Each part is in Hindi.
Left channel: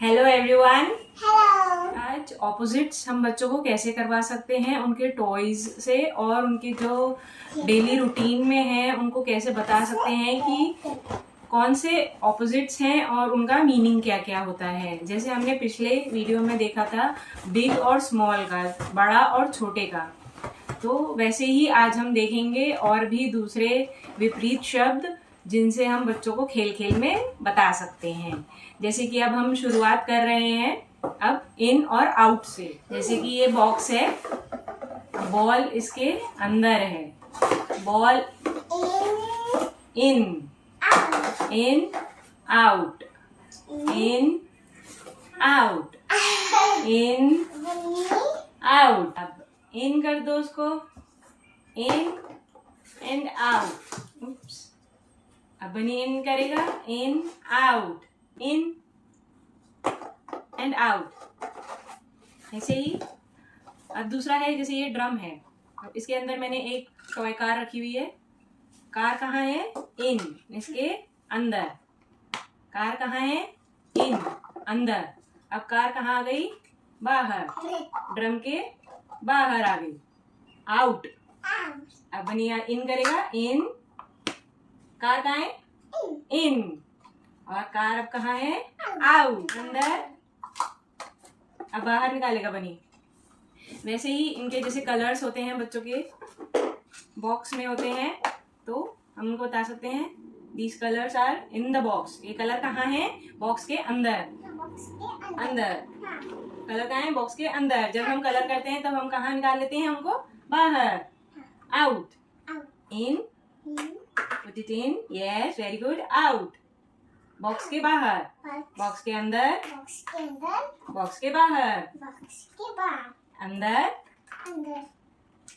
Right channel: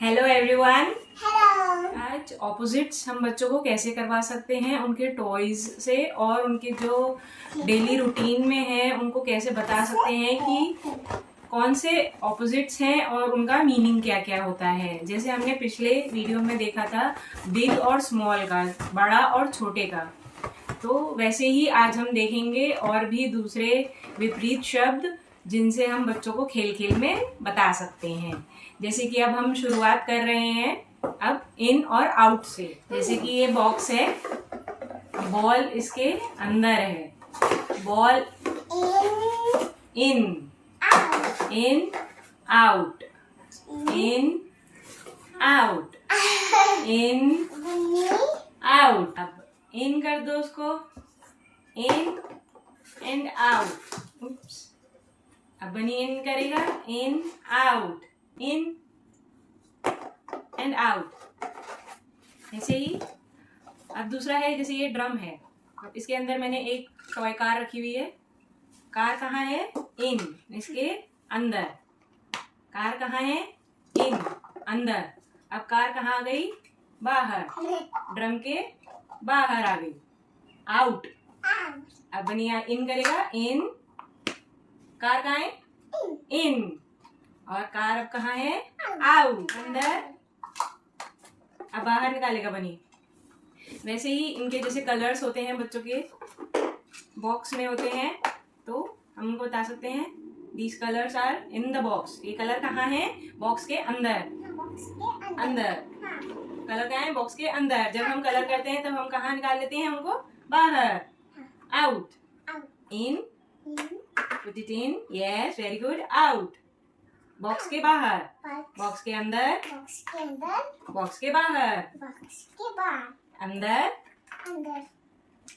Hello everyone. हेलो। आज ऑपोजिट्स हम बच्चों को कैसे करवा सकते हैं उनके टॉयज से, और उनके जो डेली रूटीन में है उनको कैसे बता सकते हैं कि कौन से ऑपोजिट्स हैं और उनका मीनिंग क्या क्या होता है। जैसे हमने पिछले वीडियो में देखा था बिग और स्मॉल का, बड़ा और छोटे का, तो वैसे ही आज हम देखेंगे और भी दूसरे विपरीत शब्द जिनसे हम बच्चों को खेल खेल में बता सकते हैं। जैसे कि अब हम शुरुआत कर रहे हैं अब इन और आउट से। जैसे कि ये बॉक्स है, बॉल इसके अंदर है, ball in, in out, in out, in out. अब इन कर दो उसको, इन एंड आउट। उप्स, अब बनी इन करेगा, in out, in and out. ऐसे ही अब दूसरा है, जैसे ये ड्रम है, अब इसके अंदर मैंने एक टॉय कार रखी हुई है। कार कहाँ है? इन, इसके अंदर। कार कहाँ है? इन, अंदर। अब कार कहाँ आ गई? बाहर, ड्रम के बाहर आ गई, आउट। अब बनी इन करेगा, इन। कार कहाँ है? इन। और कार अब कहाँ है? आउट, अंदर। अब बाहर निकालेगा बनी। वैसे ही इनके जैसे कलर्स होते हैं बच्चों के बॉक्स में होते हैं, तो हम उनको बता सकते हैं these colours are in the box. ये कलर कहाँ है? बॉक्स के अंदर, अंदर। कलर कहाँ है? बॉक्स के अंदर। जब हम कलर करते हैं तब हम कहाँ निकाल लेते हैं उनको? बाहर, out. In, put it in, yes very good, out. Box के बाहर, बॉक्स के अंदर, बॉक्स के बाहर, अंदर,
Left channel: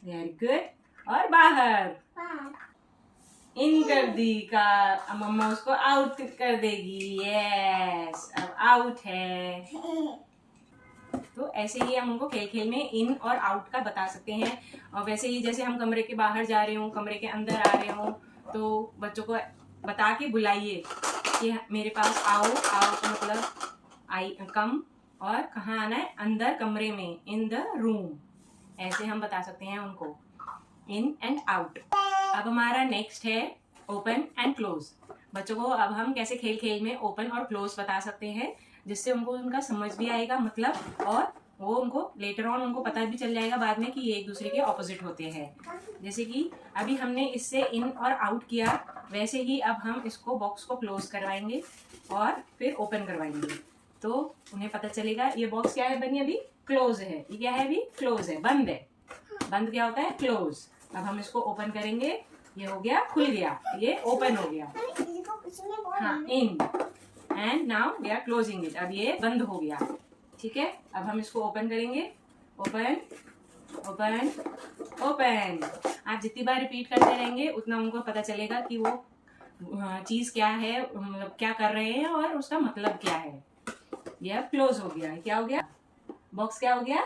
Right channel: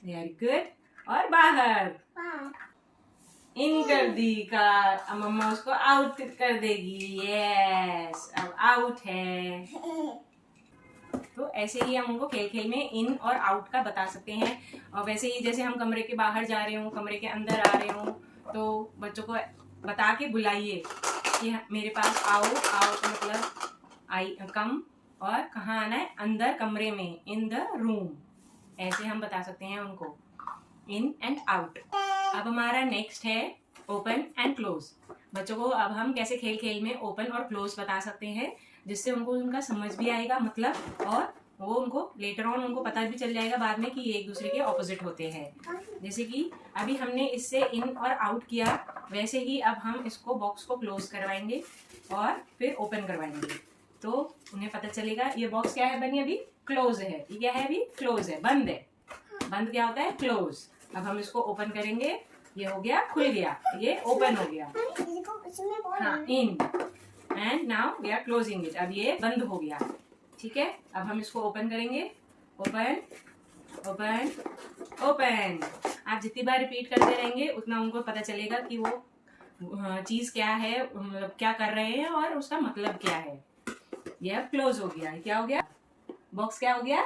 वेरी गुड, और बाहर। इन कर दी कार, अब मम्मा उसको आउट कर देगी, यस अब आउट है। तो ऐसे ही हम उनको खेल खेल में इन और आउट का बता सकते हैं। और वैसे ही जैसे हम कमरे के बाहर जा रहे हों, कमरे के अंदर आ रहे हों, तो बच्चों को बता के बुलाइए कि मेरे पास आओ। आओ का मतलब आई, कम, और कहाँ आना है? अंदर कमरे में, इन द रूम। ऐसे हम बता सकते हैं उनको, इन एंड आउट। अब हमारा नेक्स्ट है ओपन एंड क्लोज। बच्चों को अब हम कैसे खेल खेल में ओपन और क्लोज बता सकते हैं, जिससे उनको उनका समझ भी आएगा मतलब, और वो उनको लेटर ऑन उनको पता भी चल जाएगा बाद में कि ये एक दूसरे के ऑपोजिट होते हैं। जैसे कि अभी हमने इससे इन और आउट किया, वैसे ही अब हम इसको बॉक्स को क्लोज करवाएंगे और फिर ओपन करवाएंगे, तो उन्हें पता चलेगा ये बॉक्स क्या है बनी, अभी क्लोज है। ये क्या है? अभी क्लोज है, बंद है। बंद क्या होता है? क्लोज। अब हम इसको ओपन करेंगे, ये हो गया खुल गया, ये ओपन हो गया। हाँ, in, and now we are closing it. अब ये बंद हो गया, ठीक है। अब हम इसको ओपन करेंगे, ओपन, ओपन, ओपन। आप जितनी बार रिपीट करते रहेंगे उतना उनको पता चलेगा कि वो चीज क्या है, मतलब क्या कर रहे हैं और उसका मतलब क्या है। ये अब क्लोज हो गया। क्या हो गया? बॉक्स क्या हो गया?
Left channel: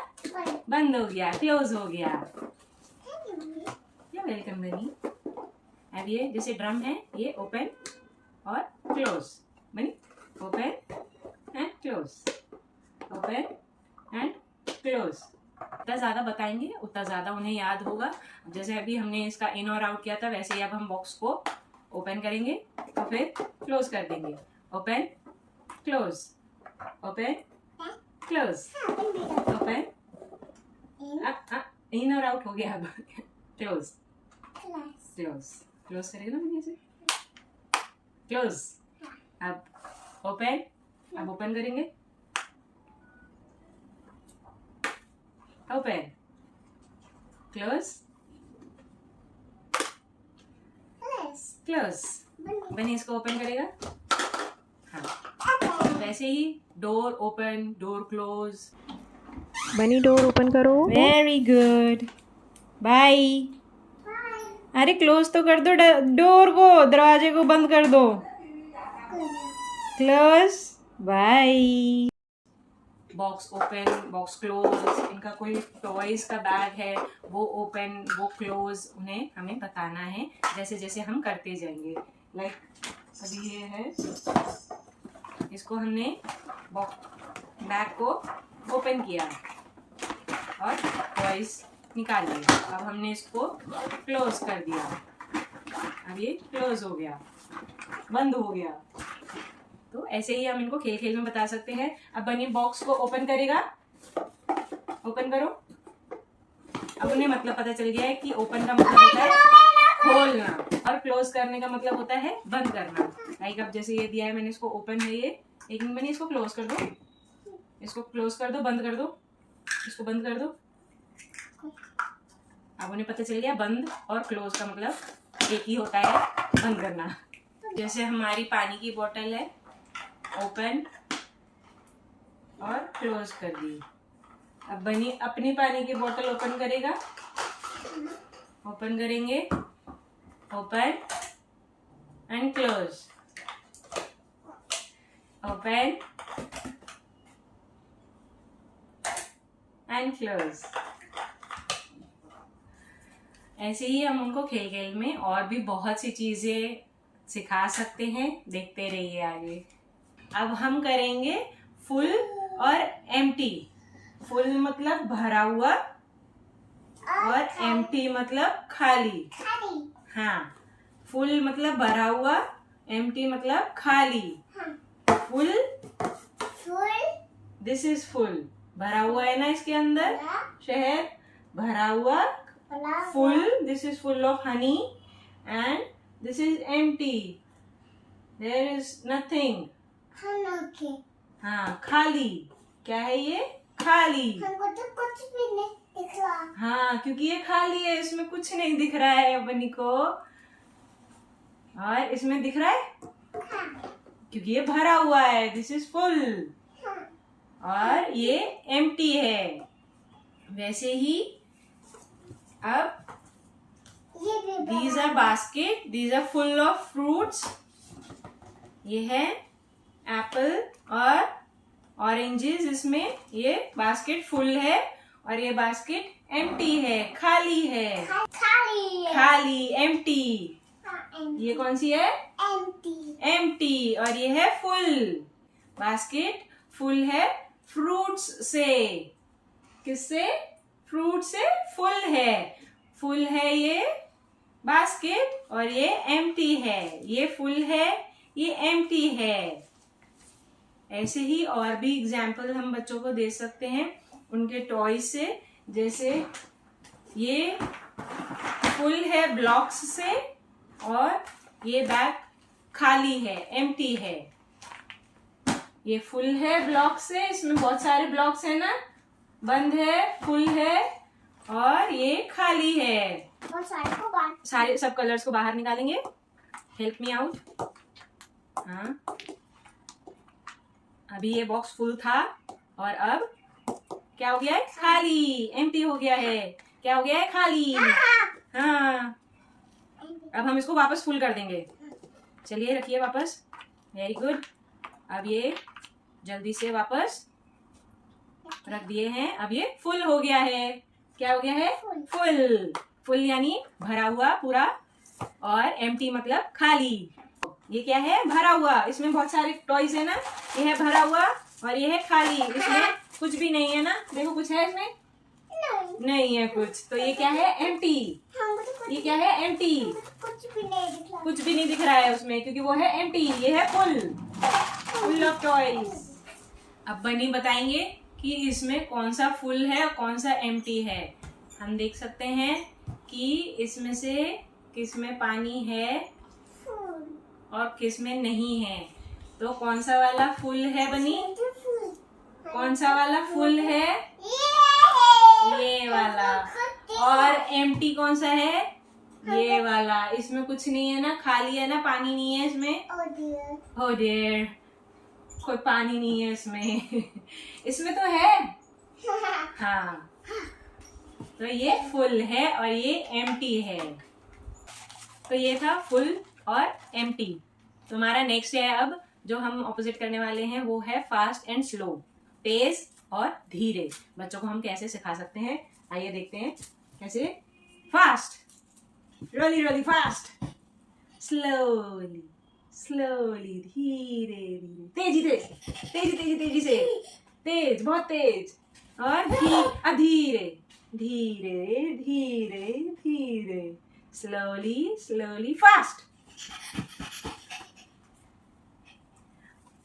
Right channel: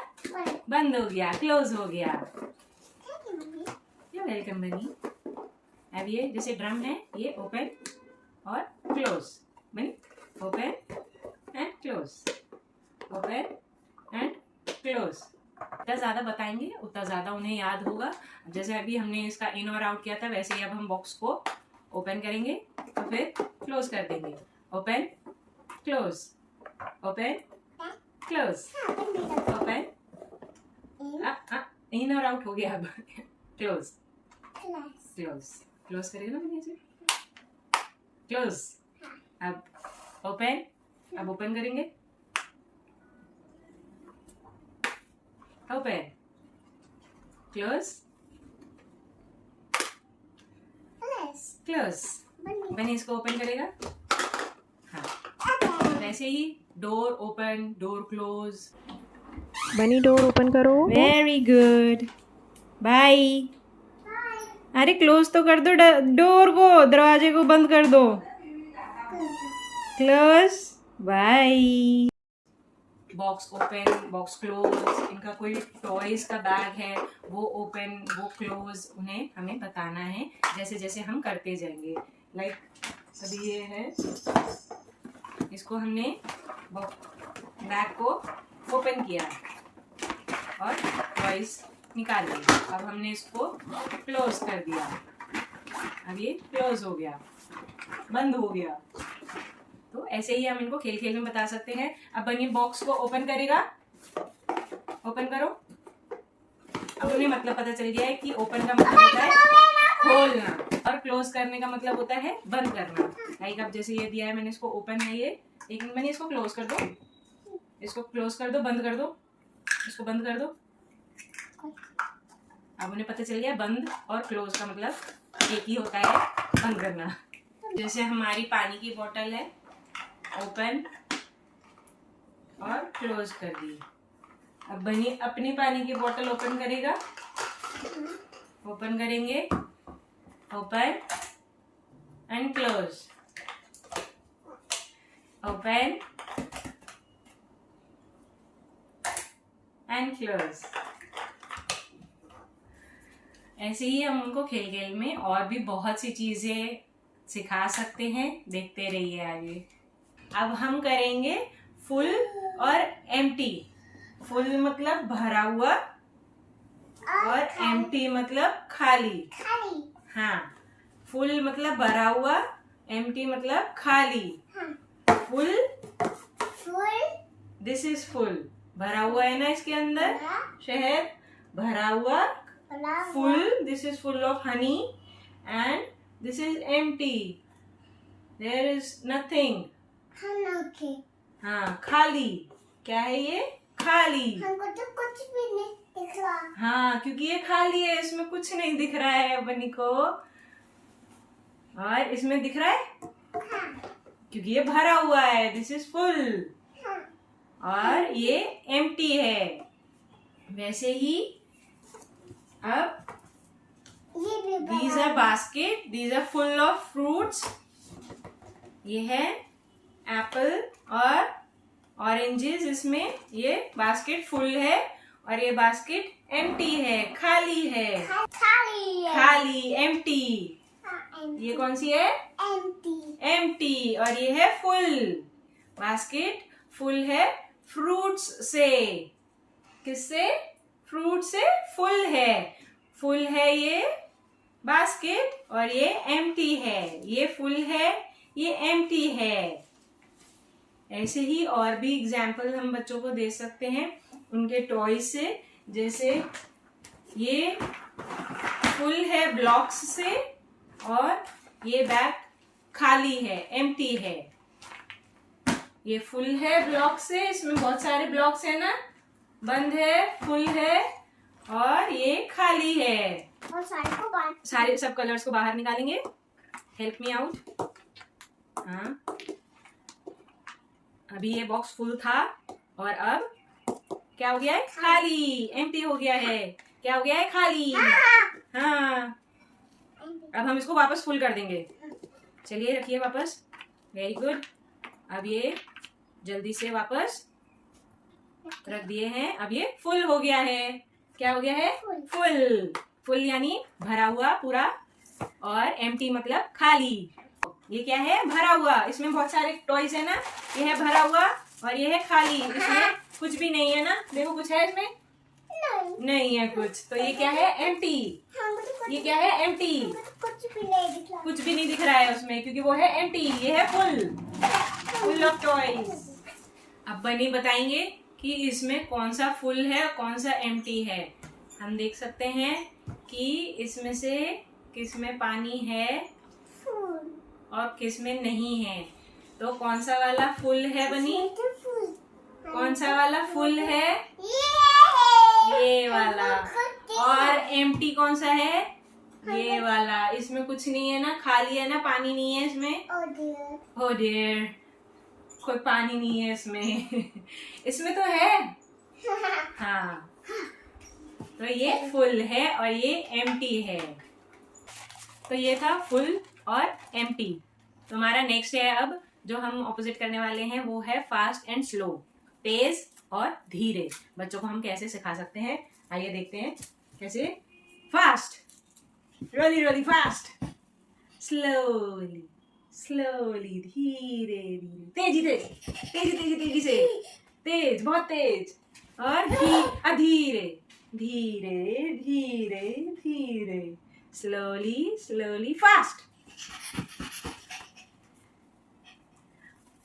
बंद हो गया, क्लोज हो गया। वेलकम बनी। अब ये जैसे ड्रम है, ये ओपन और क्लोज बनी, open and close, open and close. जितना ज़्यादा बताएंगे उतना ज़्यादा उन्हें याद होगा। जैसे अभी हमने इसका इन और आउट किया था, वैसे ही अब हम बॉक्स को ओपन करेंगे और फिर क्लोज कर देंगे, open close, open close, open. In और आउट हो गया, अब क्लोज, क्लोज, क्लोज करेगा ना मैंने इसे, क्लोज। अब ओपन, अब ओपन करेंगे, ओपन, क्लोज, क्लोज। बनी इसको ओपन करेगा। हाँ, वैसे ही door open, door close. Bani door open करो। Very good, bye. अरे क्लोज तो कर दो डोर को, दरवाजे को बंद कर दो। Close, bye. Box open, box close. इनका कोई टॉयज का बैग है, वो ओपन, वो क्लोज, उन्हें हमें बताना है जैसे जैसे हम करते जाएंगे। लाइक अभी ये है, इसको हमने बैग को ओपन किया और टॉयज निकाल लिए। अब हमने इसको क्लोज कर दिया। अब ये क्लोज हो गया, बंद हो गया। तो ऐसे ही हम इनको खेल खेल में बता सकते हैं। अब बनी बॉक्स को ओपन करेगा, ओपन करो। अब उन्हें मतलब पता चल गया है कि ओपन का मतलब होता है खोलना और क्लोज करने का मतलब होता है बंद करना। लाइक अब जैसे ये दिया है मैंने, इसको ओपन है ये। एक मिनट बनी, इसको क्लोज कर दो, इसको क्लोज कर दो, बंद कर दो, इसको बंद कर दो। अब उन्हें पता चल गया बंद और क्लोज का मतलब एक ही होता है, बंद करना। जैसे हमारी पानी की बोतल है, ओपन और क्लोज कर दी। अब बनी अपनी पानी की बोतल ओपन करेगा, ओपन करेंगे, open and close, open and close. ऐसे ही हम उनको खेल खेल में और भी बहुत सी चीजें सिखा सकते हैं। देखते रहिए आगे। अब हम करेंगे फुल और एम्प्टी। फुल मतलब भरा हुआ और एम्प्टी मतलब खाली। हाँ, फुल मतलब भरा हुआ, एम्प्टी मतलब खाली। फुल, दिस इज फुल, भरा हुआ है ना इसके अंदर शहद, भरा हुआ। Full, this is full of honey and this is empty, there is nothing. हाँ, खाली। क्या है ये? खाली। हमको तो कुछ भी नहीं दिख रहा। हाँ, क्योंकि ये खाली है, इसमें कुछ नहीं दिख रहा है बनी को। और इसमें दिख रहा है क्योंकि ये भरा हुआ है, दिस इज फुल। और ये एम्प्टी है। वैसे ही अब these are basket, these are full of fruits। ये है एप्पल और ऑरेंजेस, इसमें ये बास्केट फुल है और ये बास्केट एम्प्टी है, खाली है। खाली, एम्प्टी। ये कौन सी है? एम्प्टी। और ये है फुल। बास्केट फुल है फ्रूट्स से। किससे? फ्रूट से फुल है। फुल है ये बास्केट और ये एम्प्टी है। ये फुल है, ये एम्प्टी है। ऐसे ही और भी एग्जाम्पल हम बच्चों को दे सकते हैं उनके टॉय से। जैसे ये फुल है ब्लॉक्स से और ये बैग खाली है, एम्प्टी है। ये फुल है ब्लॉक से, इसमें बहुत सारे ब्लॉक्स है ना, बंद है, फुल है और ये खाली है। और सारे सब कलर्स को बाहर निकालेंगे। Help me out. हाँ, अभी ये बॉक्स फुल था और अब क्या हो गया है? खाली, एम्प्टी हो गया है। क्या हो गया है? खाली। हाँ, अब हम इसको वापस फुल कर देंगे। चलिए रखिए वापस। Very good. अब ये जल्दी से वापस रख दिए हैं। अब ये फुल हो गया है। क्या हो गया है? फुल। फुल यानी भरा हुआ पूरा और एम्प्टी मतलब खाली। ये क्या है? भरा हुआ। इसमें बहुत सारे टॉयज है ना। ये है भरा हुआ और ये है खाली। इसमें कुछ भी नहीं है ना। देखो कुछ है इसमें? नहीं है कुछ। तो ये क्या है? एम्प्टी। ये क्या है? एम्प्टी। कुछ भी नहीं दिख रहा। कुछ भी नहीं दिख रहा है उसमें क्योंकि वो है एम्प्टी। ये है फुल, फुल ऑफ टॉयज। अब बनी बताएंगे कि इसमें कौन सा फुल है और कौन सा एम्प्टी है। हम देख सकते हैं कि इसमें से किस में पानी है और किस में नहीं है। तो कौन सा वाला फुल है बनी? कौन सा वाला फुल है? ये वाला। और एम्प्टी कौन सा है? ये वाला। इसमें कुछ नहीं है ना, खाली है ना, पानी नहीं है इसमें। Oh dear, कोई पानी नहीं है इसमें। इसमें तो है। हाँ, तो ये फुल है और ये एम्प्टी है। तो ये था फुल और एम्प्टी। तो हमारा नेक्स्ट है अब जो हम ऑपोजिट करने वाले हैं वो है फास्ट एंड स्लो, तेज और धीरे। बच्चों को हम कैसे सिखा सकते हैं, आइए देखते हैं कैसे। Fast, really really fast. Slowly slowly, धीरे धीरे। तेजी तेजी तेजी तेजी तेजी से, तेज, बहुत तेज। और धीरे धीरे धीरे धीरे, स्लोली स्लोली, फास्ट।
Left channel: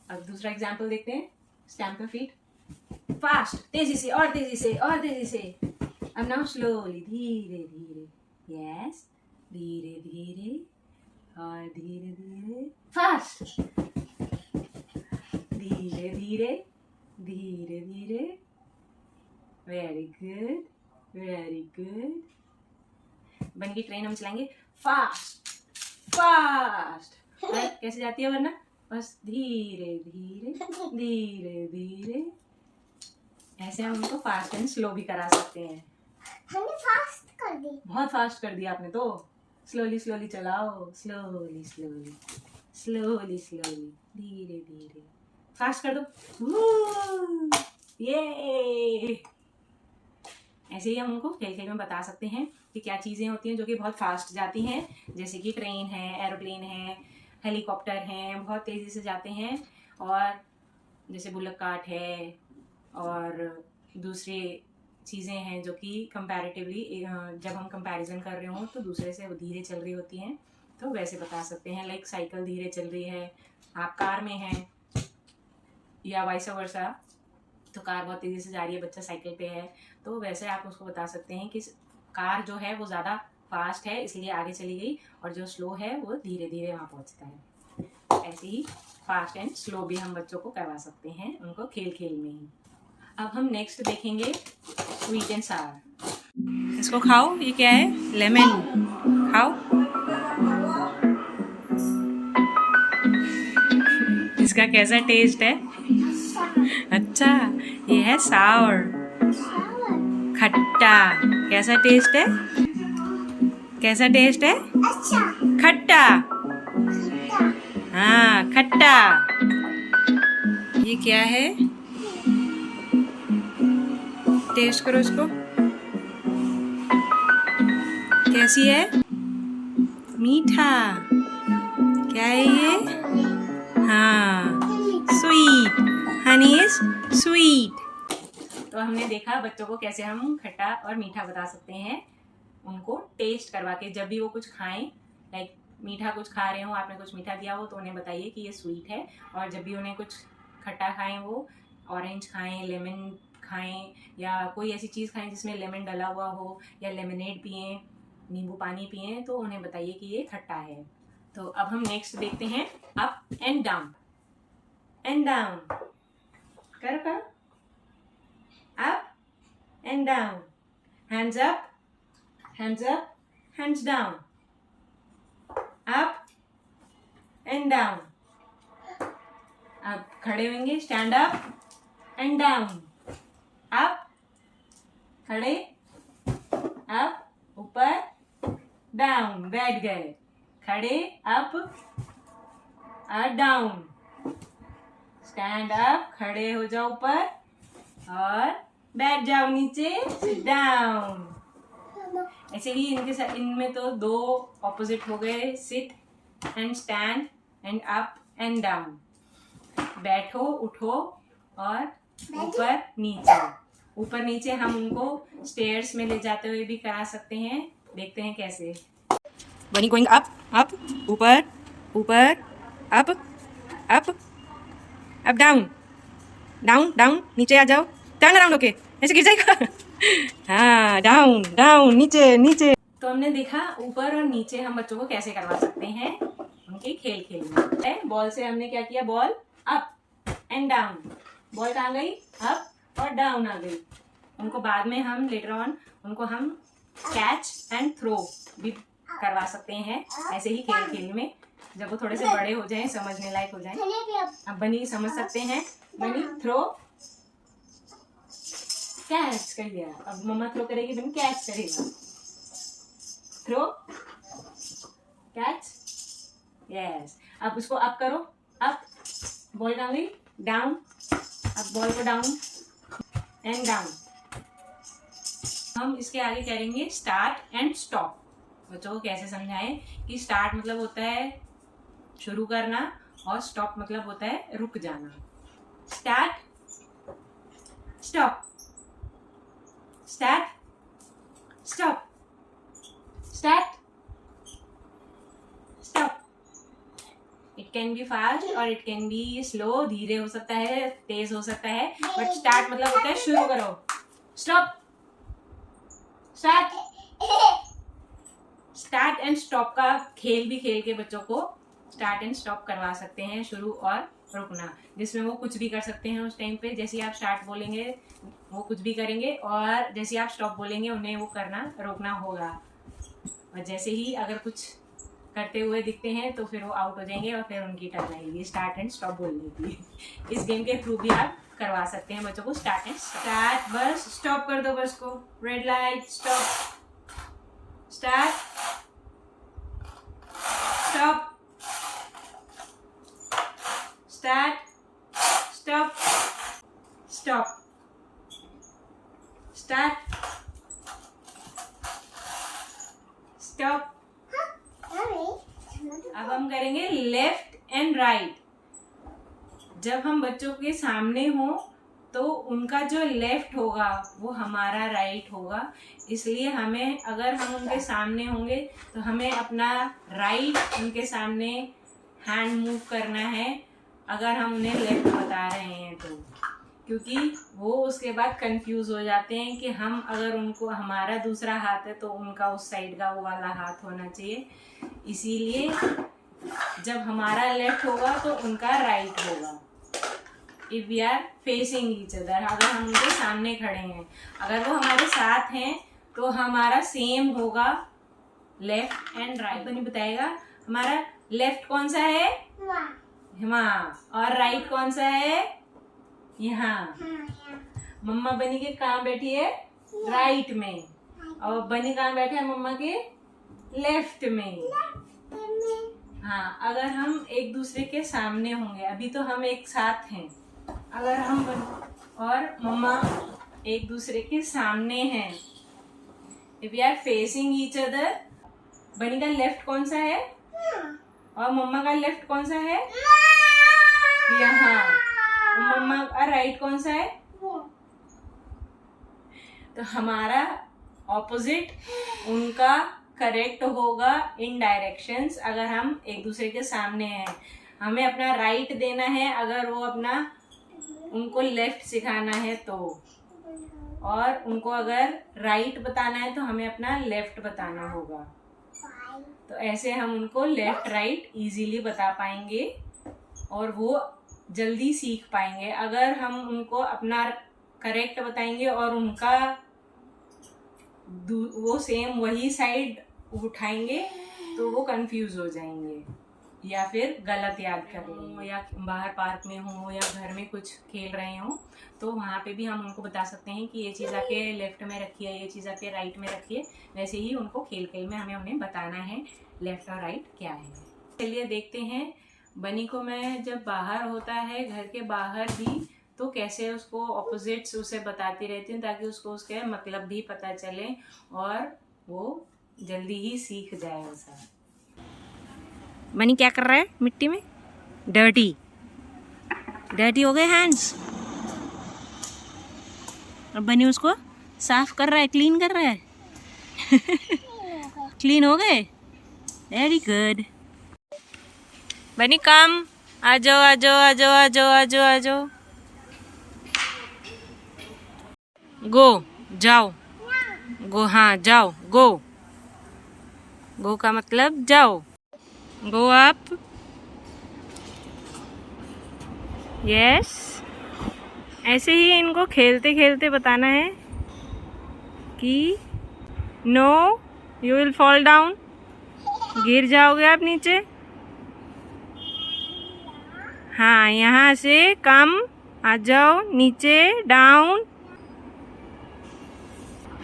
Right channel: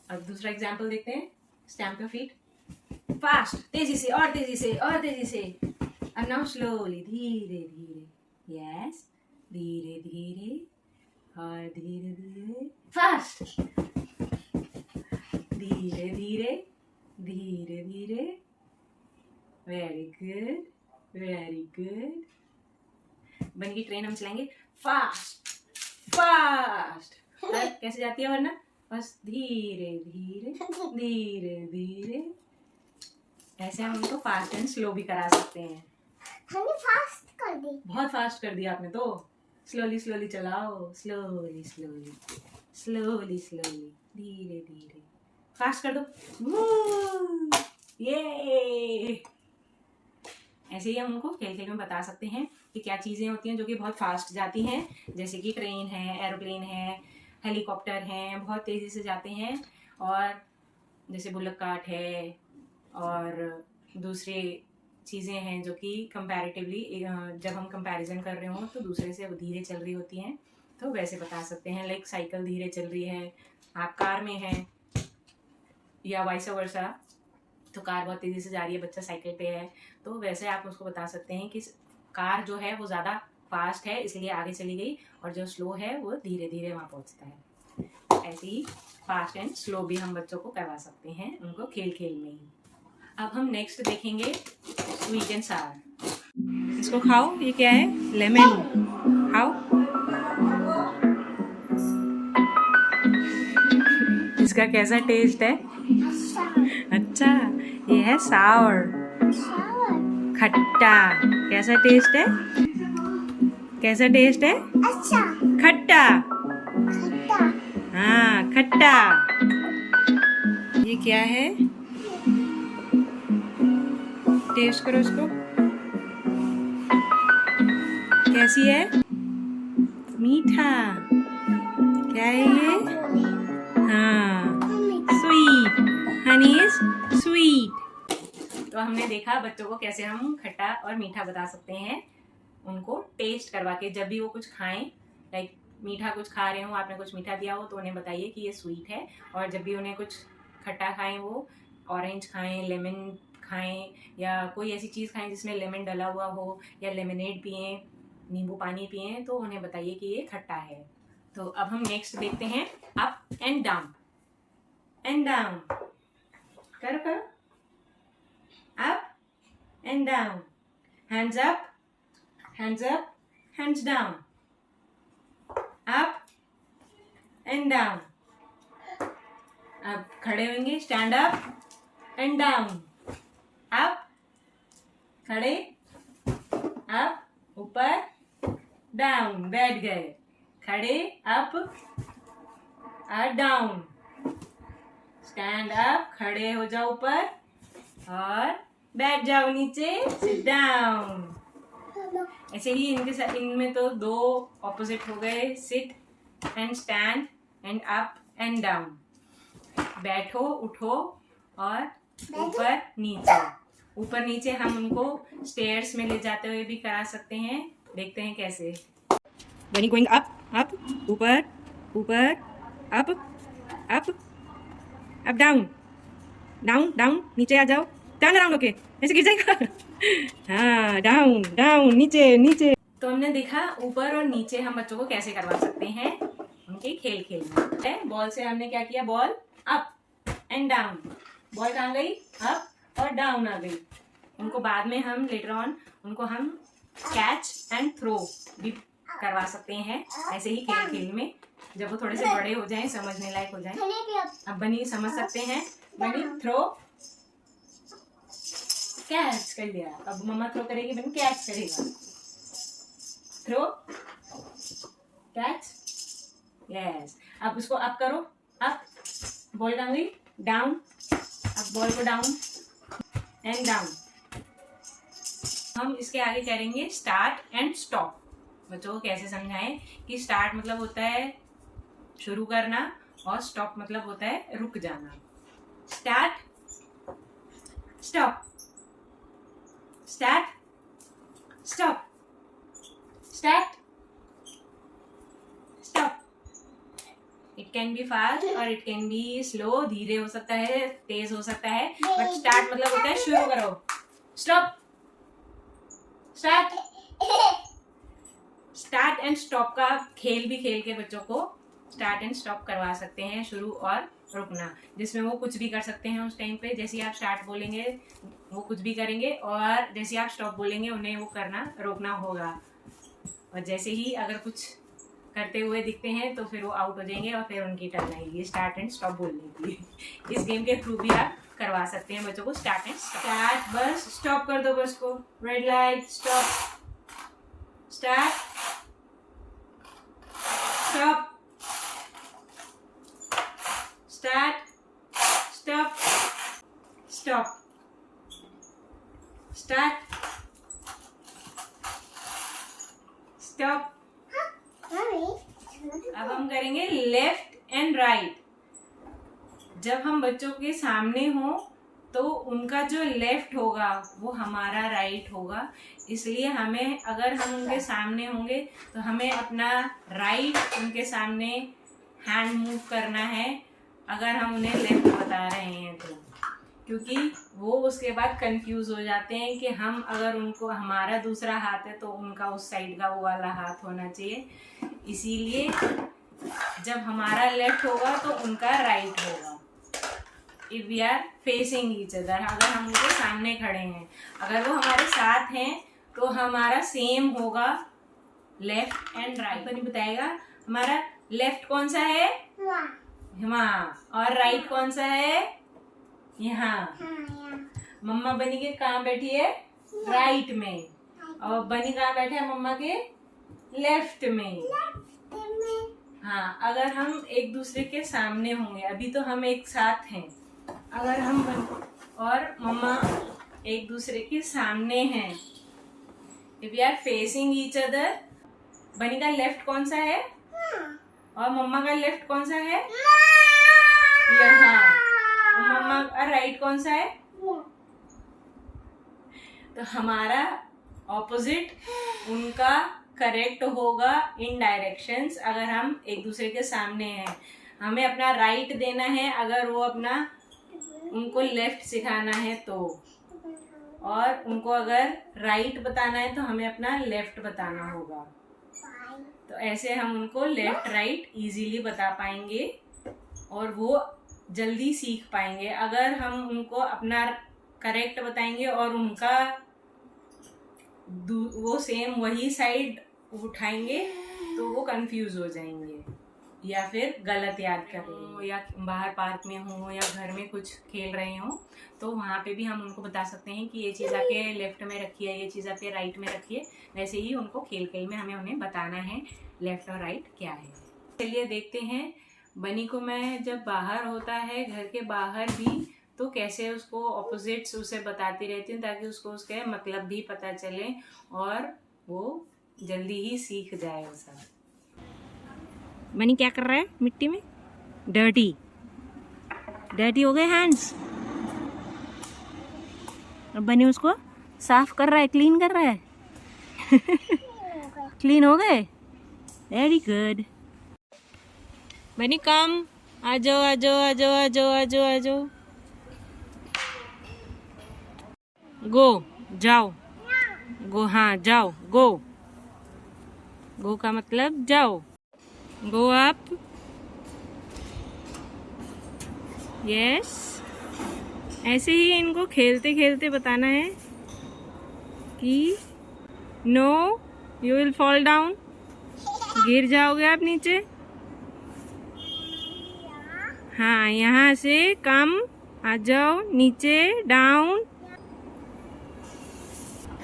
अब दूसरा एग्जाम्पल देखते हैं, स्टैम्प योर फीट, फास्ट, तेजी से और तेजी से और तेजी से। अब नाउ स्लोली, धीरे धीरे, यस, धीरे धीरे और धीरे धीरे, फास्ट, धीरे धीरे धीरे धीरे, वेरी गुड वेरी गुड। बन की ट्रेन हम चलाएंगे, फास्ट फास्ट। कैसे जाती है वरना, बस धीरे धीरे धीरे धीरे। ऐसे हम उनको फास्ट एंड स्लो भी करा सकते हैं। हमने फास्ट कर दी, बहुत फास्ट कर दिया आपने तो। स्लोली स्लोली चलाओ, स्लोली स्लोली स्लोली स्लोली, धीरे धीरे, फास्ट कर दो, ये। ऐसे ही हम उनको खेल खेल में बता सकते हैं कि क्या चीज़ें होती हैं जो कि बहुत फास्ट जाती हैं, जैसे कि ट्रेन है, एरोप्लेन है, हेलीकॉप्टर हैं, बहुत तेज़ी से जाते हैं। और जैसे बुल्लक कार्ट है, और दूसरी चीज़ें हैं जो कि कंपैरेटिवली जब हम कंपैरिजन कर रहे हों तो दूसरे से धीरे चल रही होती हैं, तो वैसे बता सकते हैं। लाइक साइकिल धीरे चल रही है, आप कार में हैं, या वाइस वर्सा, तो कार बहुत तेज़ी से जा रही है, बच्चा साइकिल पे है, तो वैसे आप उसको बता सकते हैं कि कार जो है वो ज़्यादा फास्ट है इसलिए आगे चली गई, और जो स्लो है वो धीरे धीरे वहाँ पहुँचता है। ऐसे ही फास्ट एंड स्लो भी हम बच्चों को करवा सकते हैं, उनको खेल खेल में ही। अब हम नेक्स्ट देखेंगे स्वीट एंड सावर। इसको खाओ, ये क्या है, लेमन, खाओ। इसका कैसा टेस्ट है, अच्छा, ये है सावर, खट्टा। कैसा टेस्ट है, कैसा टेस्ट है, अच्छा, खट्टा, हाँ खट्टा। ये क्या है, टेस्ट करो इसको, कैसी है, मीठा। क्या है ये, हाँ स्वीट, हनी इज स्वीट। तो हमने देखा बच्चों को कैसे हम खट्टा और मीठा बता सकते हैं, उनको टेस्ट करवा के। जब भी वो कुछ खाएं, लाइक मीठा कुछ खा रहे हो, आपने कुछ मीठा दिया हो तो उन्हें बताइए कि ये स्वीट है। और जब भी उन्हें कुछ खट्टा खाएं, वो ऑरेंज खाएं, लेमन खाएं, या कोई ऐसी चीज़ खाएं जिसमें लेमन डला हुआ हो, या लेमनेड पिएं, नींबू पानी पिएं, तो उन्हें बताइए कि ये खट्टा है। तो अब हम नेक्स्ट देखते हैं, up and down, and down, करो करो, up and down, hands up, hands up, hands down, up and down। अब खड़े होंगे, stand up and down, up, खड़े, अप, ऊपर, डाउन, बैठ गए, खड़े, अप और डाउन, स्टैंड अप, खड़े हो जाओ ऊपर और बैठ जाओ नीचे, सिट डाउन। ऐसे ही इनमें तो दो ऑपोजिट हो गए, sit and stand and up and down, बैठो, उठो और ऊपर नीचे। ऊपर नीचे हम उनको स्टेयर्स में ले जाते हुए भी करा सकते हैं, देखते हैं कैसे। बनी गोइंग अप, अप, ऊपर, ऊपर, up, up, up, down, down, down, नीचे आ जाओ, टर्न अराउंड होके, ऐसे गिर जाएगा। हाँ, डाउन, डाउन, नीचे, नीचे। तो हमने देखा ऊपर और नीचे हम बच्चों को कैसे करवा सकते हैं उनके खेल खेल में। बॉल से हमने क्या किया, ball up and down, ball कहाँ गई, अप और डाउन आ गई। उनको बाद में हम लेटर ऑन उनको हम कैच एंड थ्रो भी करवा सकते हैं, ऐसे ही खेल खेल में, जब वो थोड़े से बड़े हो जाएं, समझने लायक हो जाएं। अब बनी समझ सकते हैं, बनी थ्रो, कैच कर लिया, अब मम्मा थ्रो करेगी, बनी कैच करेगा, थ्रो, कैच, यस। अब उसको अप करो, अप, बॉल कहाँ गई, डाउन, अब बॉल को डाउन एंड डाउन। हम इसके आगे करेंगे स्टार्ट एंड स्टॉप। बच्चों को कैसे समझाएं कि स्टार्ट मतलब होता है शुरू करना और स्टॉप मतलब होता है रुक जाना। Start, Stop. Start. Stop. Start. Stop. It can be fast और it can be slow. धीरे हो सकता है, तेज हो सकता है, बट स्टार्ट मतलब होता है शुरू करो. Stop. Start. Start and stop का खेल भी खेल के बच्चों को स्टार्ट एंड स्टॉप करवा सकते हैं, शुरू और रुकना, जिसमें वो कुछ भी कर सकते हैं उस टाइम पे. जैसे आप स्टार्ट बोलेंगे वो कुछ भी करेंगे, और जैसे आप स्टॉप बोलेंगे उन्हें वो करना रोकना होगा. और जैसे ही अगर कुछ करते हुए दिखते हैं तो फिर वो आउट हो जाएंगे और फिर उनकी टर्न आएगी स्टार्ट एंड स्टॉप बोलने की. इस गेम के थ्रू भी आप करवा सकते हैं बच्चों को start and start. Bus stop कर दो बस को. Red light. Stop. Start. Stop. Start. Stop. Stop. Start. Stop. अब हम करेंगे लेफ्ट एंड राइट. जब हम बच्चों के सामने हो तो उनका जो लेफ्ट होगा वो हमारा राइट होगा. इसलिए हमें, अगर हम उनके सामने होंगे तो हमें अपना राइट उनके सामने हैंड मूव करना है, अगर हम उन्हें लेफ्ट बता रहे हैं तो. क्योंकि वो उसके बाद कंफ्यूज हो जाते हैं कि हम, अगर उनको हमारा दूसरा हाथ है तो उनका उस साइड का वो वाला हाथ होना चाहिए. इसीलिए जब हमारा लेफ्ट होगा तो उनका राइट होगा. If we are facing each other, अगर हम उनके सामने खड़े हैं, अगर वो हमारे साथ हैं तो हमारा सेम होगा लेफ्ट एंड राइट. बनी बताएगा हमारा लेफ्ट कौन सा है, वहाँ, और राइट कौन सा है, यहाँ. मम्मा बनी के कहाँ बैठी है, राइट में, और बनी कहाँ बैठे है, मम्मा के लेफ्ट में. हाँ, अगर हम एक दूसरे के सामने होंगे, अभी तो हम एक साथ हैं, अगर हम और मम्मा एक दूसरे के सामने हैं, if we are facing each other, Bani का लेफ्ट कौन सा है और मम्मा का लेफ्ट कौन सा है, यहाँ, और मम्मा का राइट कौन सा है, तो हमारा ऑपोजिट उनका करेक्ट होगा इन डायरेक्शंस. अगर हम एक दूसरे के सामने हैं, हमें अपना राइट देना है, अगर वो अपना उनको लेफ्ट सिखाना है तो, और उनको अगर राइट बताना है तो हमें अपना लेफ्ट बताना होगा. तो ऐसे हम उनको लेफ्ट राइट इजीली बता पाएंगे और वो जल्दी सीख पाएंगे. अगर हम उनको अपना करेक्ट बताएंगे और उनका वो सेम वही साइड उठाएंगे तो वो कंफ्यूज हो जाएंगे या फिर गलत याद कर रहे हो, या बाहर पार्क में हो या घर में कुछ खेल रहे हो तो वहाँ पे भी हम उनको बता सकते हैं कि ये चीज़ आपके लेफ्ट में रखी है, ये चीज़ आपके राइट में रखी है. वैसे ही उनको खेल खेल में हमें उन्हें बताना है लेफ्ट और राइट क्या है. चलिए देखते हैं बनी को मैं जब बाहर होता है, घर के बाहर भी, तो कैसे उसको ऑपोजिट्स उसे बताती रहती हूँ ताकि उसको उसके मतलब भी पता चले और वो जल्दी ही सीख जाए वो सब. बनी क्या कर रहा है मिट्टी में, डर्टी डर्टी हो गए हैंड्स, और बनी उसको साफ कर रहा है, क्लीन कर रहा है. क्लीन हो गए, वेरी गुड. बनी कम, आ जाओ आ जाओ आ जाओ आ जाओ आ जाओ आ जाओ. गो, जाओ, गो, हाँ जाओ, गो. गो का मतलब जाओ, गो अप. यस. ऐसे ही इनको खेलते खेलते बताना है कि no you will fall down, गिर जाओगे आप नीचे. हाँ, यहाँ से कम, आ जाओ नीचे, डाउन.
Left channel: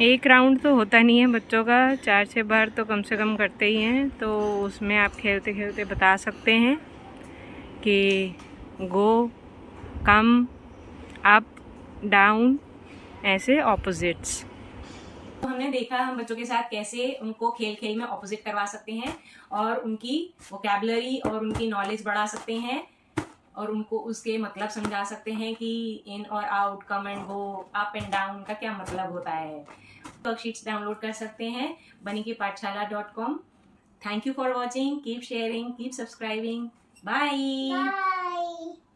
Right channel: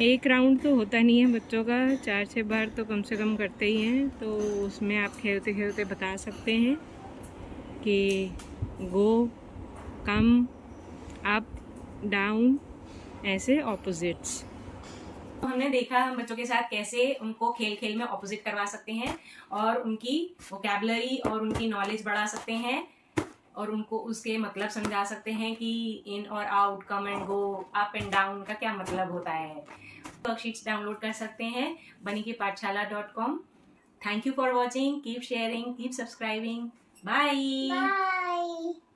एक राउंड तो होता नहीं है बच्चों का, 4-6 बार तो कम से कम करते ही हैं. तो उसमें आप खेलते खेलते बता सकते हैं कि गो, कम, अप, डाउन, ऐसे ऑपोजिट्स. हमने देखा हम बच्चों के साथ कैसे उनको खेल खेल में ऑपोजिट करवा सकते हैं और उनकी वोकैबुलरी और उनकी नॉलेज बढ़ा सकते हैं और उनको उसके मतलब समझा सकते हैं कि इन और out, come and go, up and down का क्या मतलब होता है। वर्कशीट्स डाउनलोड कर सकते हैं banikipathshala.com। Thank you for watching, keep sharing, keep subscribing, bye. Bye.